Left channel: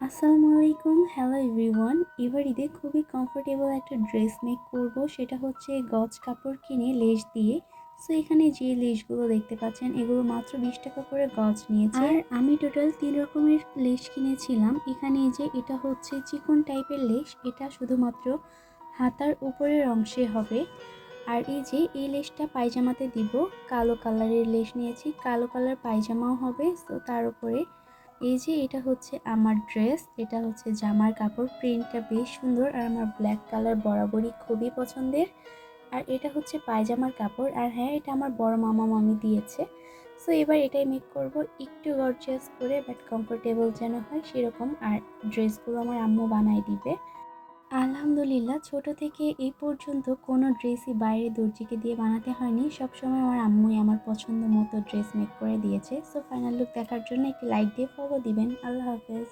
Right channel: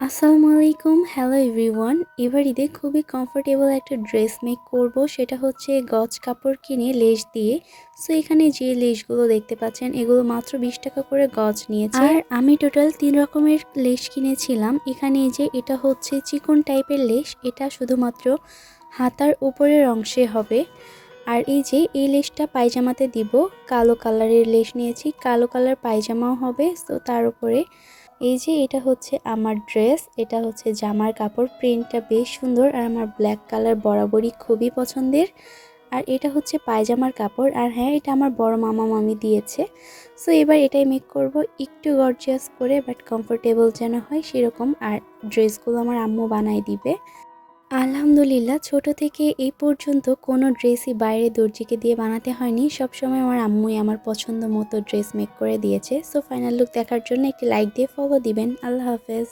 আসসালামু আলাইকুম, hello everyone. এবার ঈদে খুবই কমফোর্টেবল একটা ড্রেস মেক করব, সেটা হচ্ছে গজ কাপড় কিনে লেস দিয়ে। সো এখানে যে লেসগুলো দেখতে পাচ্ছেন এগুলো মাত্র 20 টাকা করে গজ নিয়েছে। আর আমি টোটাল 3 রকমের লেস কিনেছিলাম। এখানে এই যে এটা হচ্ছে চিকন টাইপের লেস, এটা শুধুমাত্র হাতার উপরের অংশে হবে। আর এই যে এই লেসটা পায়জামাতে দিব, কালো কালারের লেস নিয়েছি, কালো কালার পায়জামাও হবে। তো তার উপরে এই যে এটা হচ্ছে আমার ড্রেস, এটা হচ্ছে জামার কাপড়, প্রিন্টটা বেশ সুন্দর আর আমার ব্ল্যাক কালার বরাবরই খুবই পছন্দের। আর এটা হচ্ছে পায়জামার কাপড়, আর হ্যাঁ এটা আমার বড় মামা মামি দিয়েছে। সো এবার এটাই মেক করব একটু গর্জিয়াস করে, বাট কমফোর্টেবল যেন হয় সেরকম। আর ড্রেসগুলো আমার আম্মু বানাই দিবে। আলহামদুলিল্লাহ, ছোট থেকে এই পর্যন্ত কোনো ড্রেসই বাইরে দর্জিকে দিয়ে বানাতে হয়নি। সবসময় আমার আম্মুই আমার পছন্দ মতো ড্রেস মেক করে দিয়েছে। সো ফাইনাল লুক দেখার জন্য একটি লাইক দিয়ে ফলো দিবেন। আল্লাহ হাফেজ।